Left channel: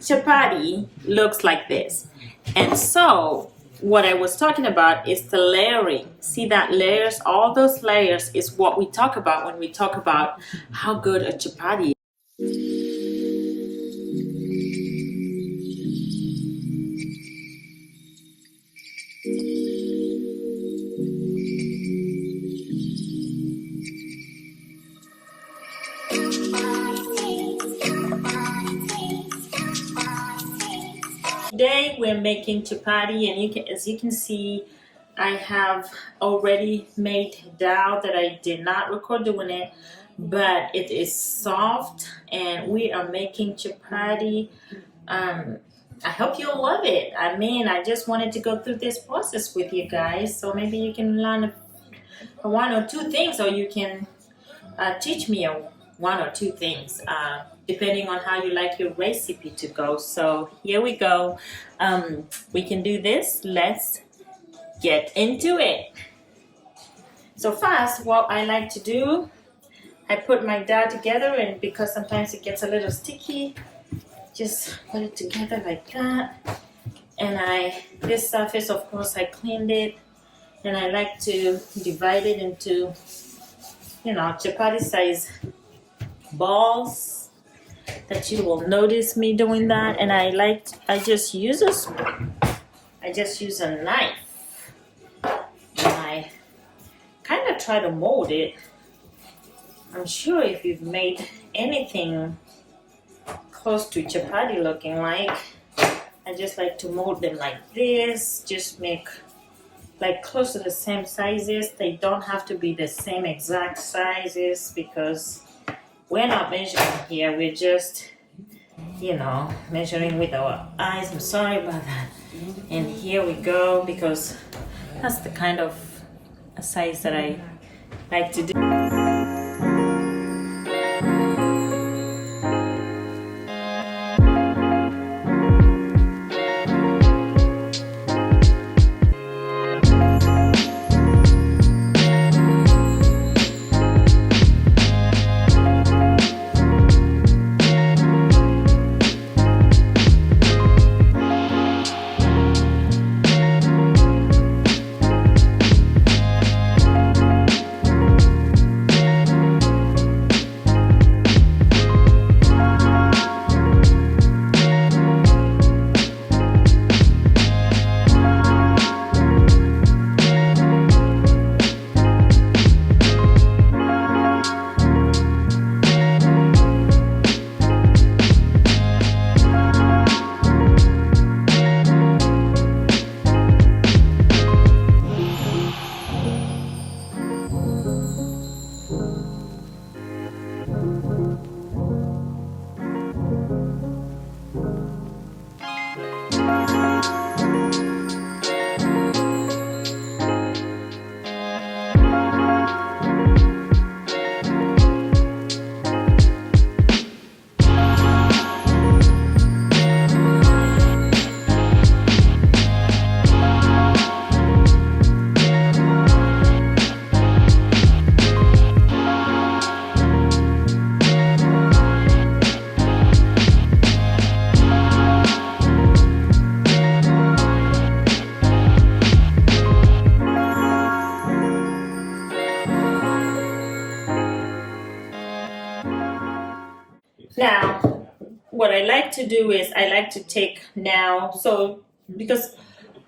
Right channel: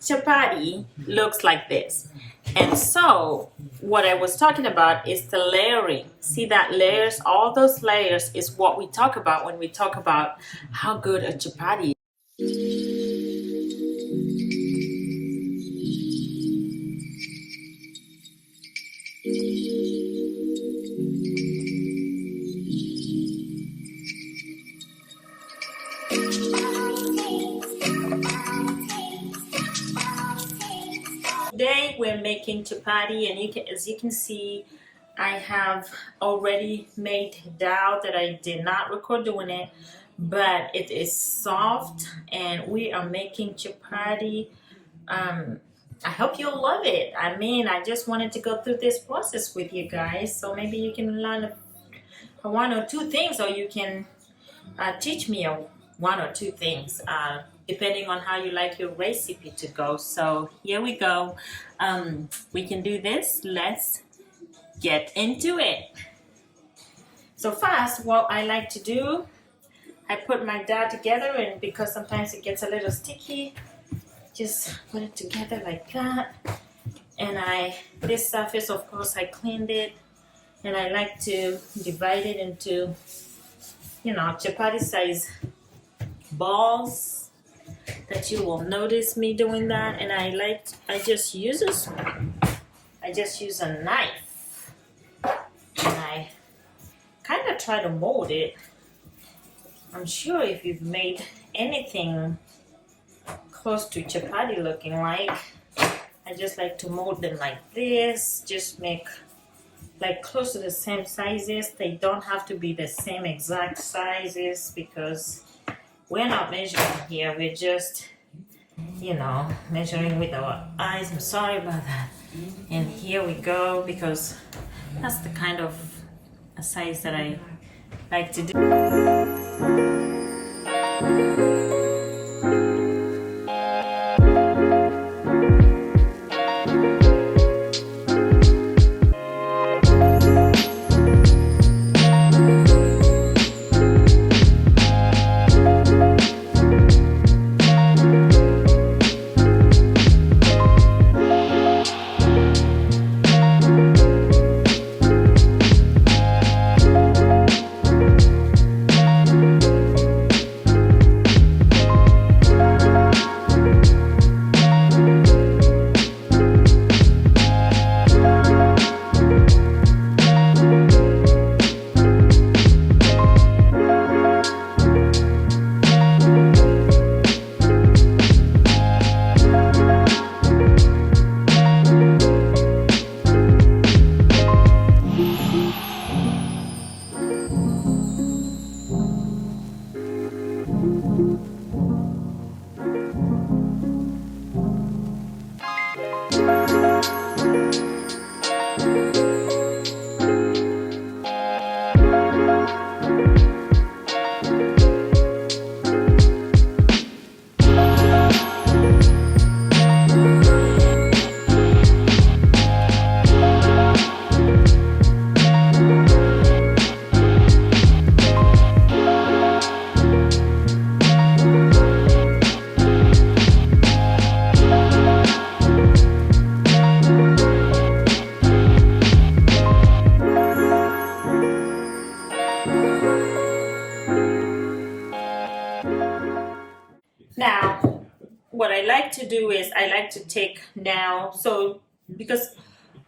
chapati looks like this. And so what I was talking about is the layering. See that layers, all those layers is what we talk about when we talk about how good a chapati is. Today we're making chapati, and as you can see, I have already made dal that I did not record doing it, but it is soft, and we are making chapati. I hope you'll love it. I mean, I just wanted to go through this process with you guys, so maybe you can learn one or two things, or you can teach me one or two things, depending on how you like your recipe to go. So here we go. We can do this. Let's get into it. So first, what I like to do, I put my dal together, and because sometimes it gets a little sticky, just put it together like that. And this surface, of course, I cleaned it, and I like to divide it into, chapati size balls that you will notice me doing that. And I just use a spoon. I just use a knife, and I kind of try to mold it. I'm sure if you've made anything close to chapati looking like, I just like to mold them like this, just make like close to the same sizes. They don't have to be the same exact sizes because we're not measuring here. We're just, measuring with our eyes. I'm sorry about that. And here we go, because that's the kind of size that I like to do. Now, what I like to do is I like to take now, so because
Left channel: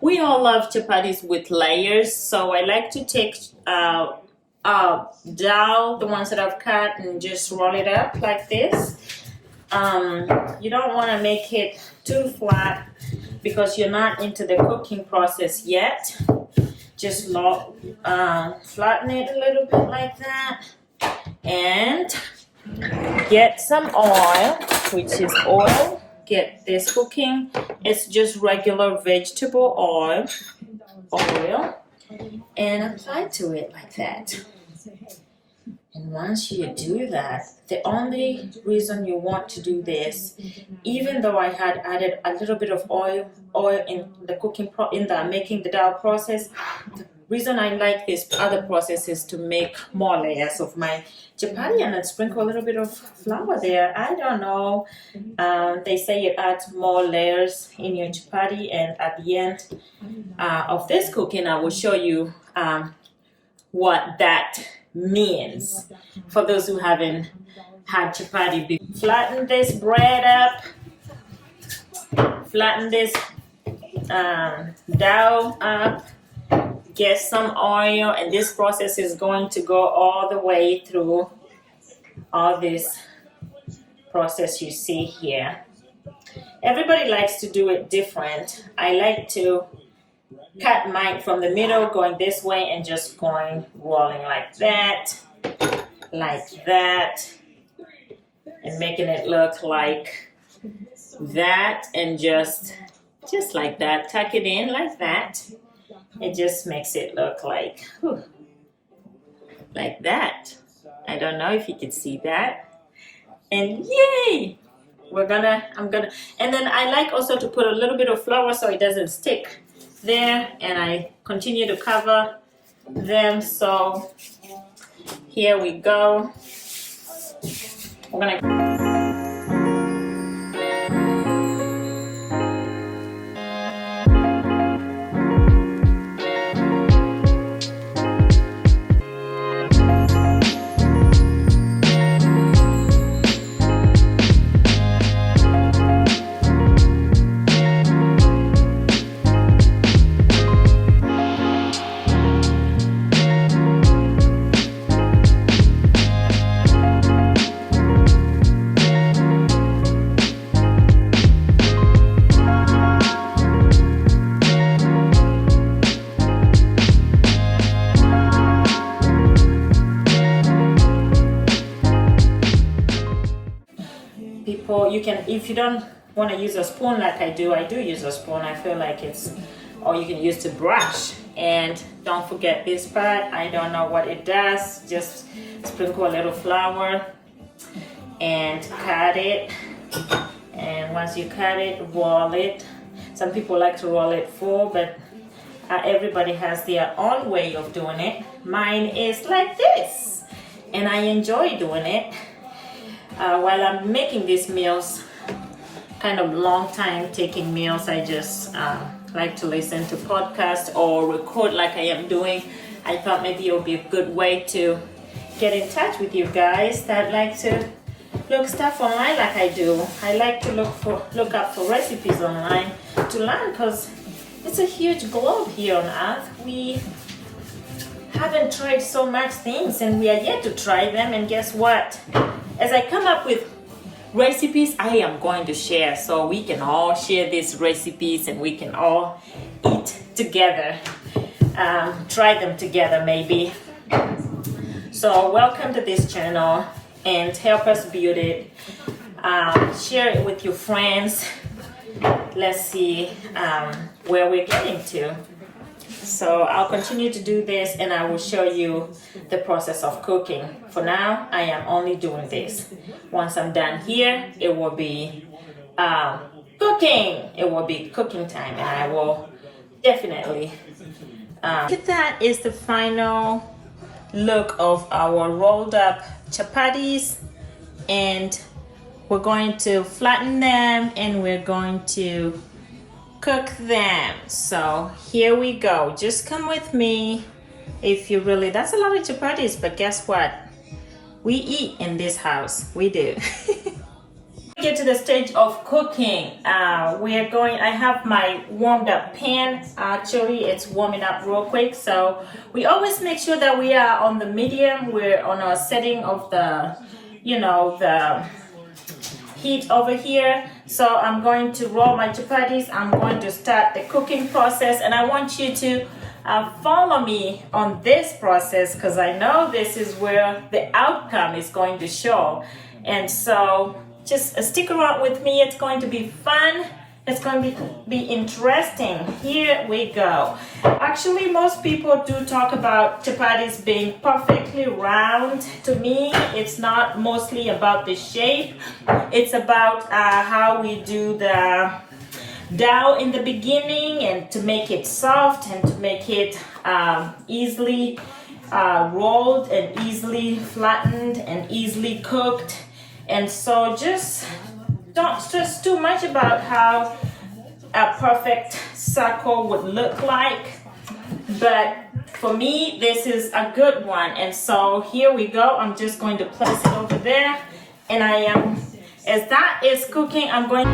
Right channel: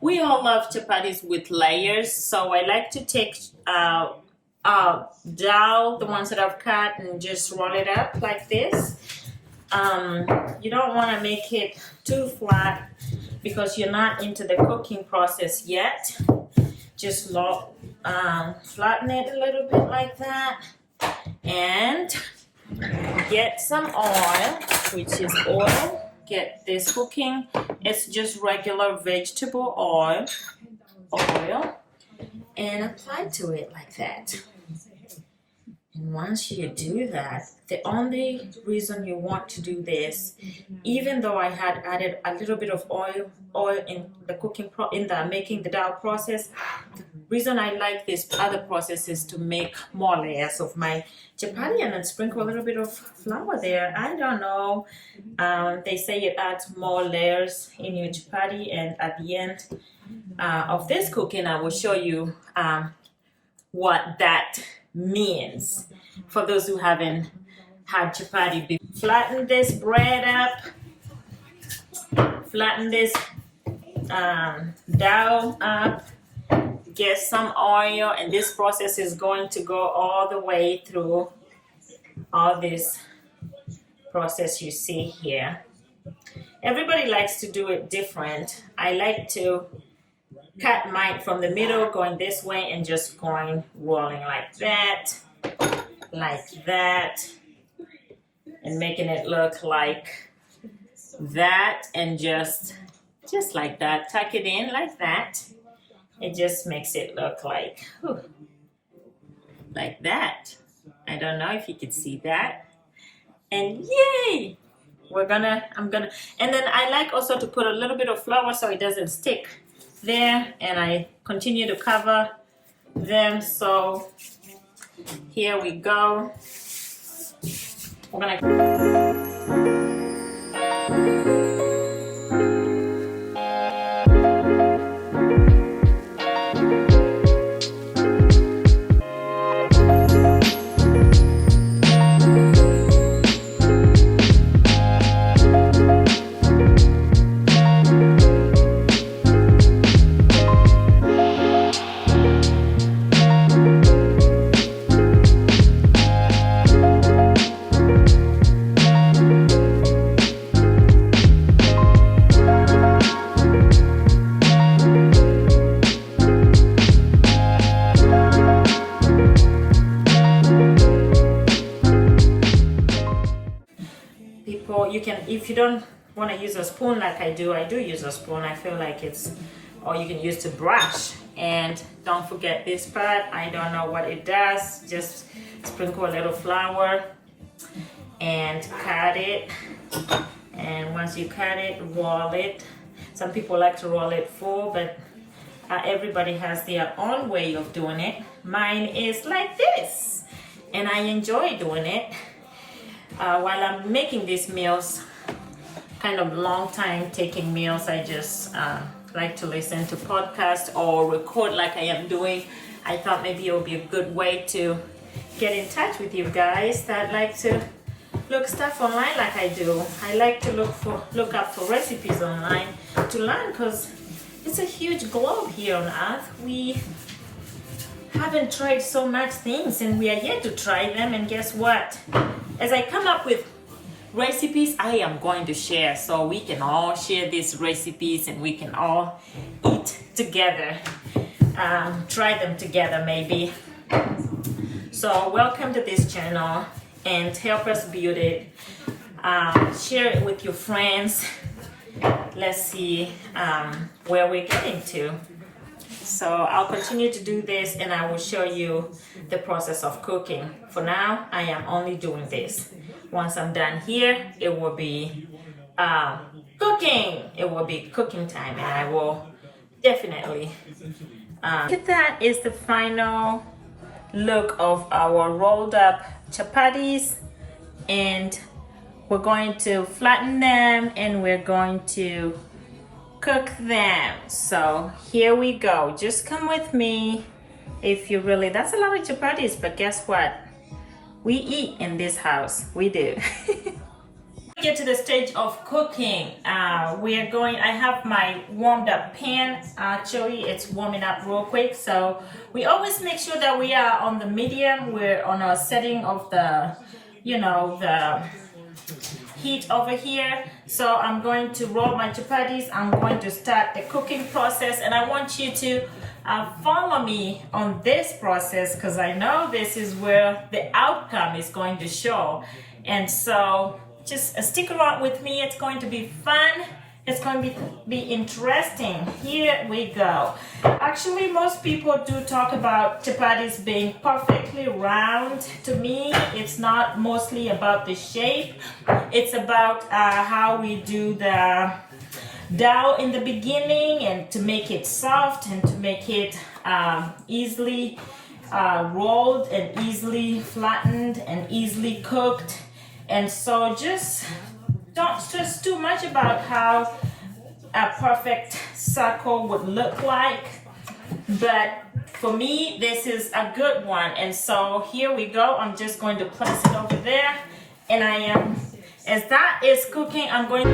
we all love chapatis with layers, so I like to take dal, the ones that I've cut, and just roll it up like this. You don't want to make it too flat because you're not into the cooking process yet. Just flatten it a little bit like that, and get some oil, which is oil. Get this cooking. It's just regular vegetable oil, and apply to it like that. Once you do that, the only reason you want to do this, even though I had added a little bit of oil in the in the making the dough process, the reason I like this other process is to make more layers of my chapati and then sprinkle a little bit of flour there. I don't know. They say it adds more layers in your chapati, and at the end of this cooking, I will show you what that means for those who haven't had chapati before. Flatten this bread up, flatten this dough up, get some oil, and this process is going to go all the way through all this process you see here. Everybody likes to do it different. I like to cut mine from the middle, going this way and just rolling like that, and making it look like that, and just like that. Tuck it in like that. It just makes it look like that. I don't know if you can see that. And yay! I'm gonna, and then I like also to put a little bit of flour so it doesn't stick there, and I continue to cover them. So here we go. We're gonna you can, if you don't want to use a spoon like I do use a spoon. I feel like it's, or you can use the brush. And don't forget this part. I don't know what it does. Just sprinkle a little flour and cut it. And once you cut it, roll it. Some people like to roll it full, but everybody has their own way of doing it. Mine is like this, and I enjoy doing it. While I'm making these meals, kind of long time taking meals, I just like to listen to podcasts or record like I am doing. I thought maybe it would be a good way to get in touch with you guys that like to look stuff online like I do. I like to look up for recipes online to learn, because it's a huge globe here on Earth. We haven't tried so much things, and we are yet to try them. And guess what? As I come up with recipes, I am going to share, so we can all share these recipes and we can all eat together, try them together maybe. So welcome to this channel, and help us build it. Share it with your friends. Let's see where we're getting to. So I'll continue to do this, and I will show you the process of cooking. For now, I am only doing this. Once I'm done here, it will be cooking. It will be cooking time, and I will definitely. That is the final look of our rolled up chapatis, and we're going to flatten them, and we're going to cook them. So here we go. Just come with me. If you really, that's a lot of chapatis, but guess what? We eat in this house. We do. Get to the stage of cooking. I have my warmed up pan. Actually, it's warming up real quick. So we always make sure that we are on the medium. We're on a setting of the, the heat over here. So I'm going to roll my chapatis. I'm going to start the cooking process, and I want you to follow me on this process, because I know this is where the outcome is going to show. And so just stick around with me. It's going to be fun, It's going to be interesting. Here we go. Actually, most people do talk about chapatis being perfectly round. To me, it's not mostly about the shape. It's about how we do the dough in the beginning, and to make it soft and to make it easily rolled and easily flattened and easily cooked. And so just don't stress too much about how a perfect circle would look like, but for me this is a good one. And so here we go. I'm just going to place it over there, and I am, as that is cooking, I'm going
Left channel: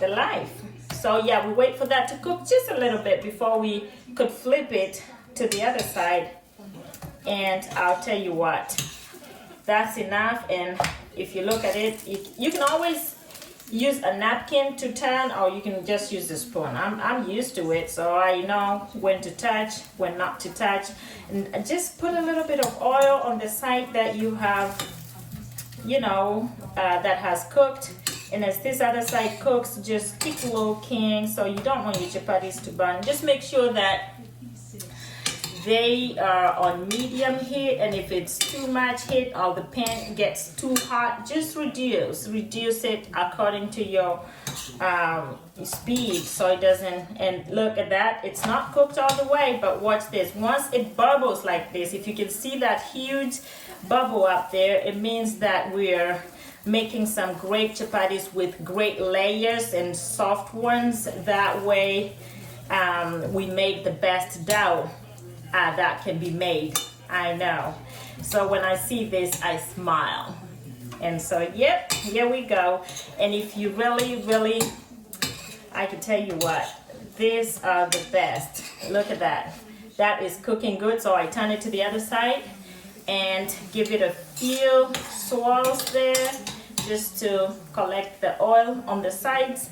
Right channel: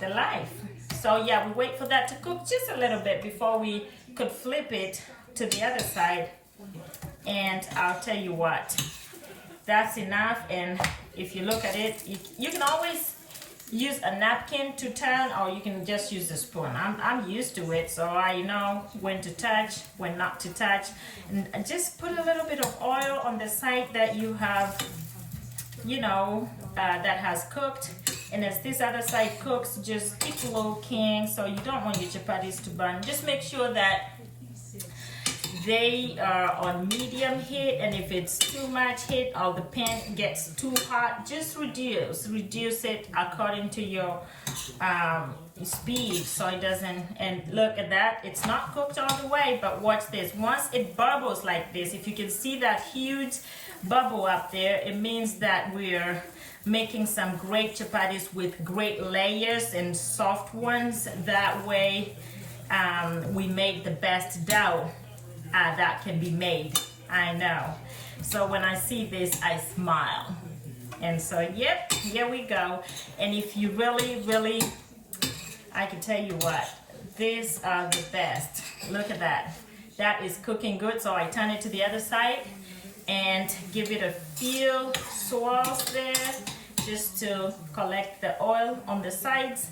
the life. So yeah, we wait for that to cook just a little bit before we could flip it to the other side. And I'll tell you what, that's enough. And if you look at it, you can always use a napkin to turn, or you can just use the spoon. I'm used to it, so I know when to touch, when not to touch. And just put a little bit of oil on the side that you have, that has cooked. And as this other side cooks, just keep looking. So you don't want your chapatis to burn. Just make sure that they are on medium heat, and if it's too much heat or the pan gets too hot, just reduce it according to your speed, so it doesn't. And look at that, it's not cooked all the way, but watch this. Once it bubbles like this, if you can see that huge bubble up there, it means that we're making some great chapatis with great layers and soft ones. That way we make the best dough that can be made. I know. So when I see this, I smile. And so, yep, here we go. And if you really, I can tell you what, these are the best. Look at that. That is cooking good. So I turn it to the other side and give it a few swirls there, just to collect the oil on the sides,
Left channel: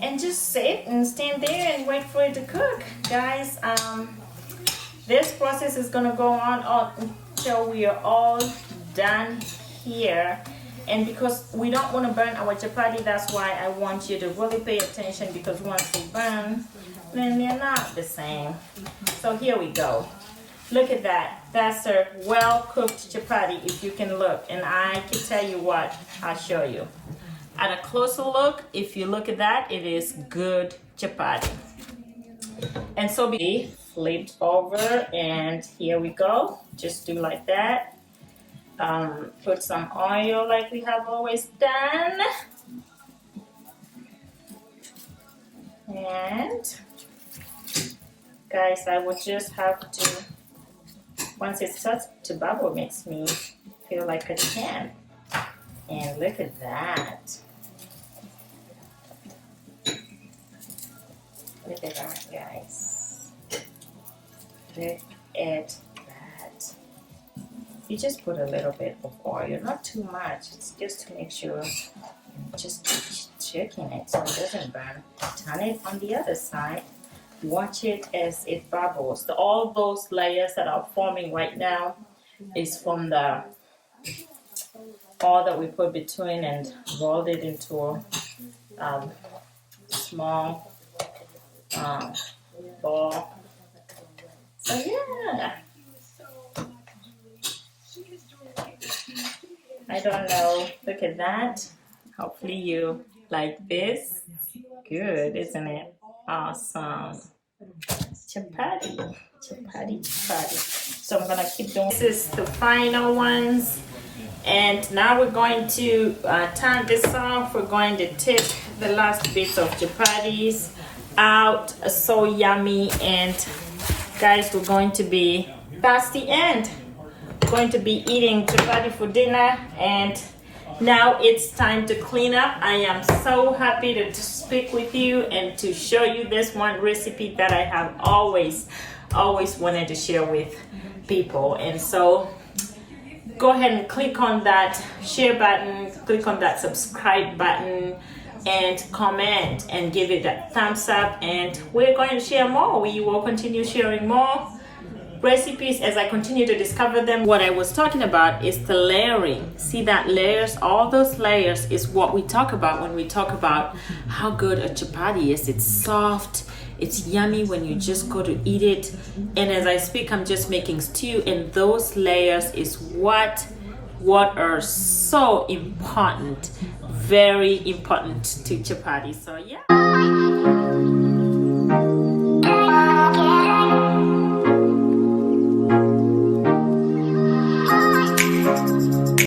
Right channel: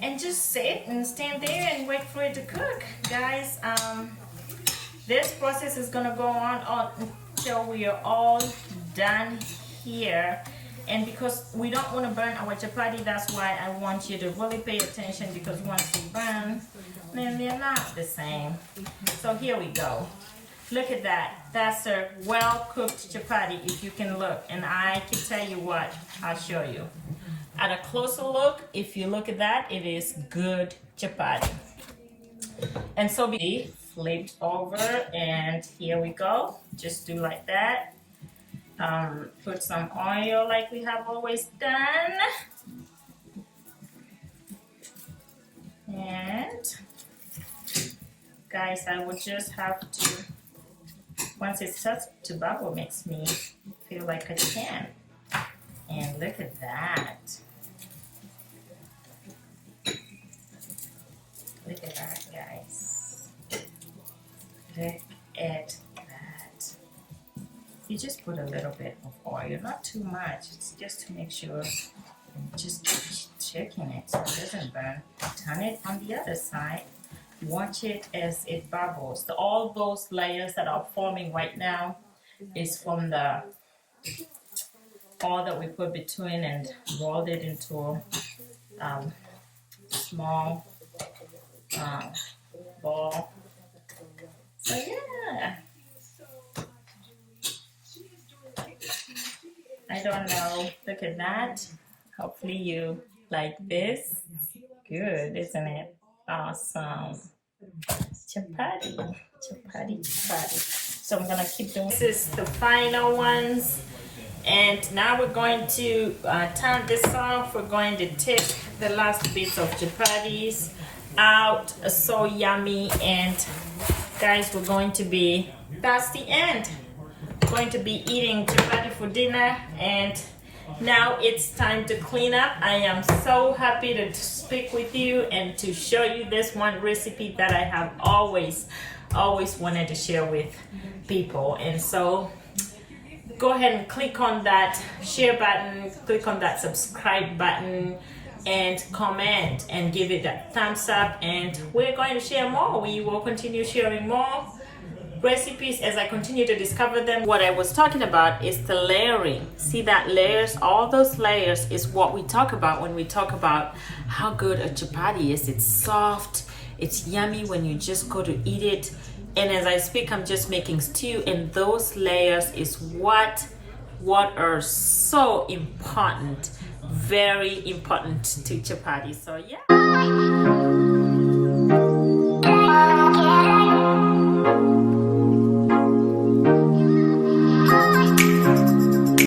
and just sit and stand there and wait for it to cook. Guys, this process is gonna go on until we are all done here. And because we don't want to burn our chapati, that's why I want you to really pay attention, because once they burn, then they're not the same. So here we go. Look at that. That's a well-cooked chapati, if you can look. And I can tell you what, I'll show you. At a closer look, if you look at that, it is good chapati. And so be flipped over, and here we go. Just do like that. Put some oil like we have always done. And guys, I will just have to, once it starts to bubble, makes me feel like a 10. And look at that. Look at that, guys. Look at that. You just put a little bit of oil, not too much. It's just to make sure. Just keep checking it so it doesn't burn. Turn it on the other side. Watch it as it bubbles. All those layers that are forming right now is from the oil that we put between and rolled it into a small ball. So yeah, I don't know. Look at that. Hopefully you like this. Good, isn't it? Awesome. Chapati. So I'm gonna keep doing. This is the final ones. And now we're going to turn this off. We're going to take the last bits of chapatis out. So yummy. And guys, we're going to be, that's the end. We're going to be eating chapati for dinner. And now it's time to clean up. I am so happy to speak with you and to show you this one recipe that I have always wanted to share with people. And so go ahead and click on that share button, click on that subscribe button, and comment and give it a thumbs up, and we're going to share more. We will continue sharing more recipes as I continue to discover them. What I was talking about is the layering. See that layers, all those layers is what we talk about when we talk about how good a chapati is. It's soft, it's yummy when you just go to eat it. And as I speak, I'm just making stew, and those layers is what are so important, very important to chapati. So yeah.